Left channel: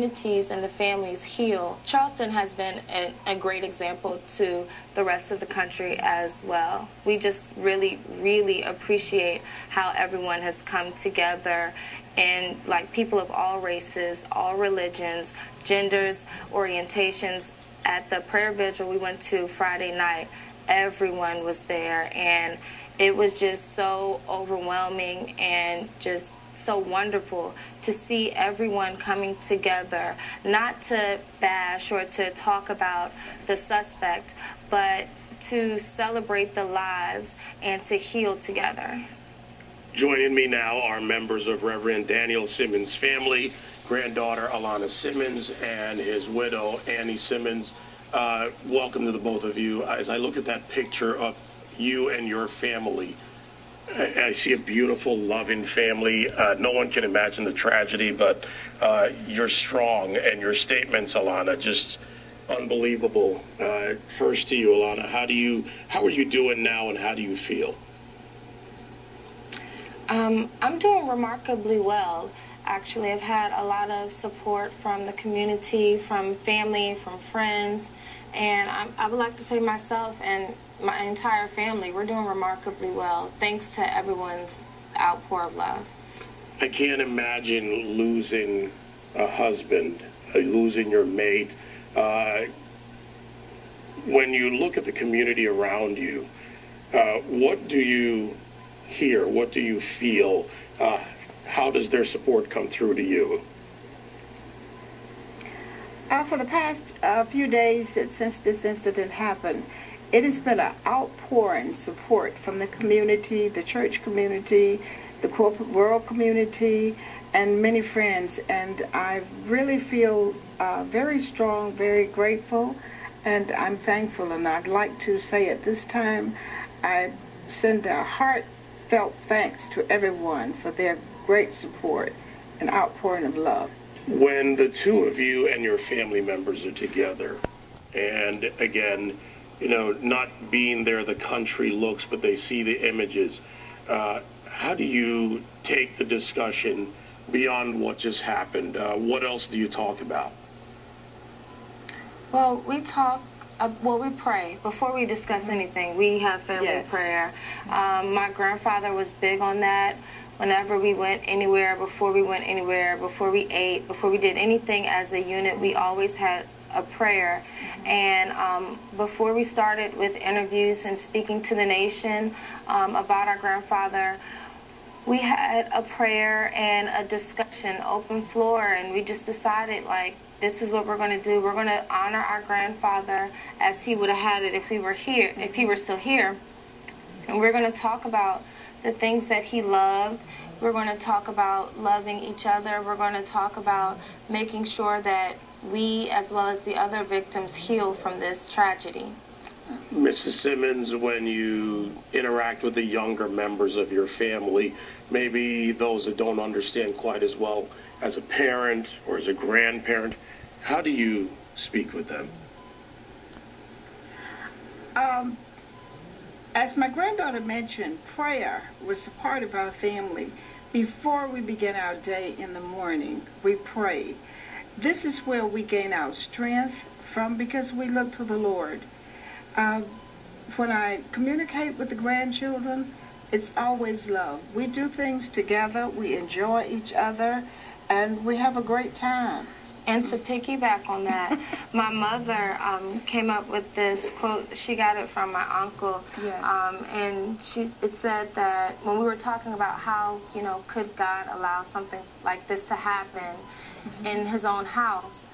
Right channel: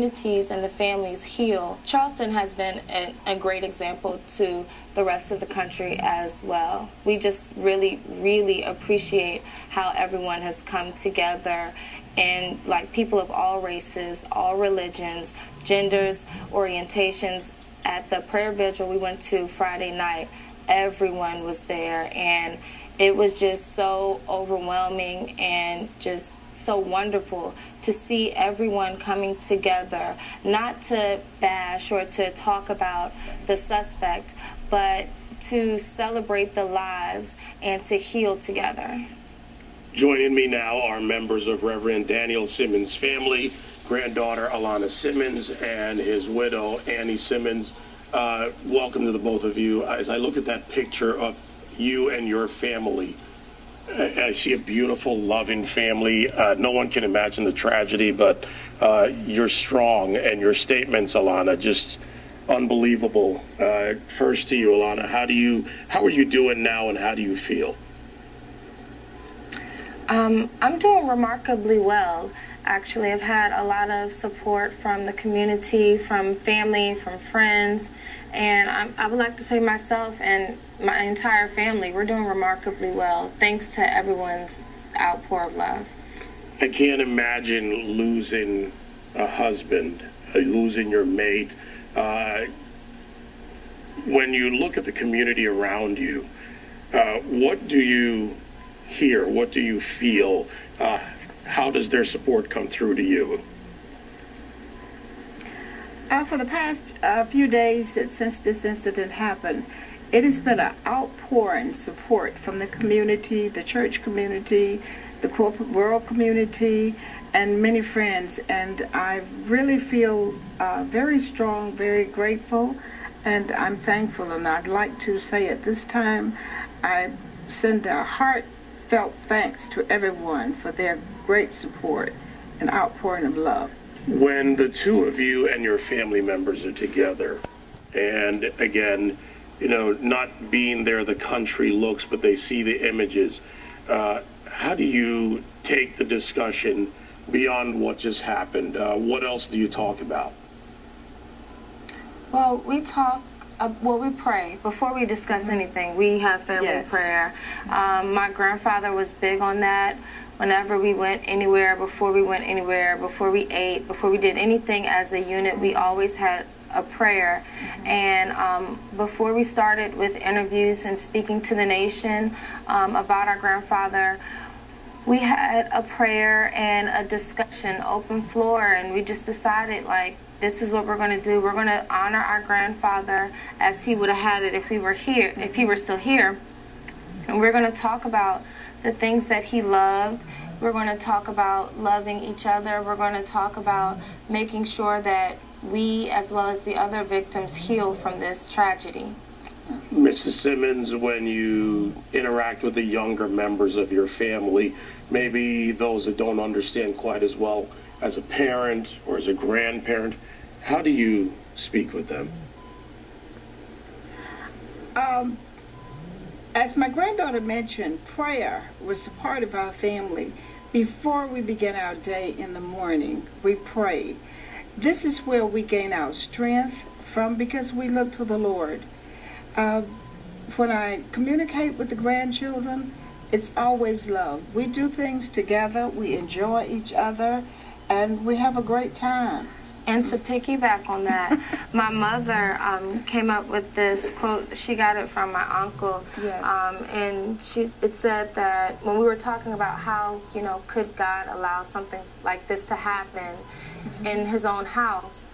communities and the families heal, Charleston has been a great example to the rest of the country as well. We just really, really appreciate how everyone has come together, and like people of all races, all religions, genders, orientations. At the prayer vigil we went to Friday night, everyone was there, and it was just so overwhelming and just so wonderful to see everyone coming together, not to bash or to talk about the suspect, but to celebrate the lives and to heal together. Joining me now are members of Reverend Daniel Simmons' family, granddaughter Alana Simmons and his widow Annie Simmons. Welcome to the both of you. As I look at that picture of you and your family, I see a beautiful, loving family. No one can imagine the tragedy, but you're strong, and your statements, Alana, just unbelievable. First to you, Alana, how are you doing now, and how do you feel? I'm doing remarkably well. Actually, I've had a lot of support from the community, from family, from friends, and I would like to say myself and my entire family, we're doing remarkably well, thanks to everyone's outpour of love. I can't imagine losing a husband, losing your mate. When you look at the community around you, what do you hear? What do you feel? How does their support come through to you? For the past few days since this incident happened, it has been an outpouring support from the community, the church community, the corporate world community, and many friends. And I really feel very strong, very grateful, and I'm thankful. And I'd like to say at this time, I send a heartfelt thanks to everyone for their great support and outpouring of love. When the two of you and your family members are together, and again, you know, not being there the country looks, but they see the images, how do you take the discussion beyond what just happened? What else do you talk about? Well, we pray. Before we discuss anything, we have family prayer. My grandfather was big on that. Whenever we went anywhere, before we went anywhere, before we ate, before we did anything as a unit, we always had a prayer. And before we started with interviews and speaking to the nation about our grandfather, we had a prayer and a discussion, open floor, and we just decided, like, this is what we're going to do. We're going to honor our grandfather as he would have had it if he were here, if he were still here. And we're going to talk about the things that he loved. We're going to talk about loving each other. We're going to talk about making sure that we, as well as the other victims, heal from this tragedy. Mrs. Simmons, when you interact with the younger members of your family, maybe those that don't understand quite as well as a parent or as a grandparent, how do you speak with them? As my granddaughter mentioned, prayer was a part of our family. Before we begin our day in the morning, we pray. This is where we gain our strength from, because we look to the Lord. When I communicate with the grandchildren, it's always love. We do things together, we enjoy each other, and we have a great time. And to piggyback on that, my mother came up with this quote. She got it from my uncle. Yes. And it said that when we were talking about how, you know, could God allow something like this to happen in his own house,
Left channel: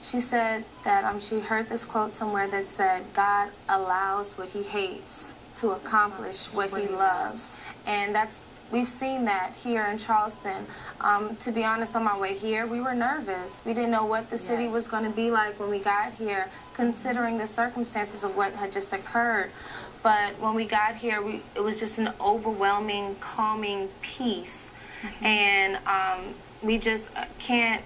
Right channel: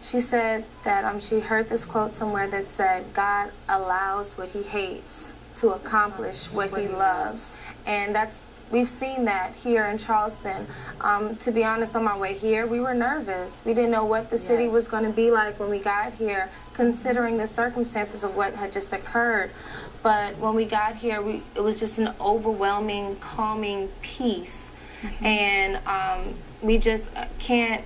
she said that she heard this quote somewhere that said, God allows what he hates to accomplish what he loves. And we've seen that here in Charleston. To be honest, on my way here, we were nervous. We didn't know what the city was going to be like when we got here, considering the circumstances of what had just occurred. But when we got here, it was just an overwhelming, calming peace. And we just can't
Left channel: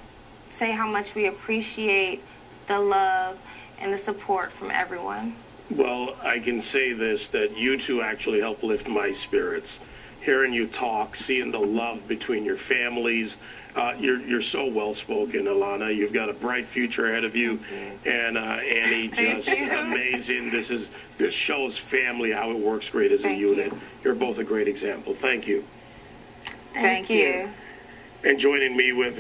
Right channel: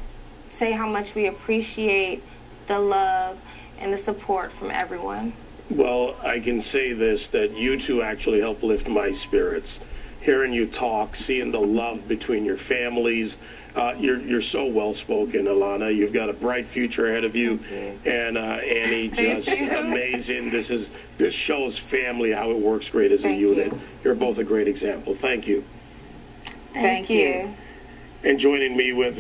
say how much we appreciate the love and the support from everyone. Well, I can say this, that you two actually help lift my spirits. Hearing you talk, seeing the love between your families, You're so well spoken, Alana. You've got a bright future ahead of you, and Annie, just amazing. This shows family how it works great as a unit. You're both a great example. Thank you. Thank you. And joining me with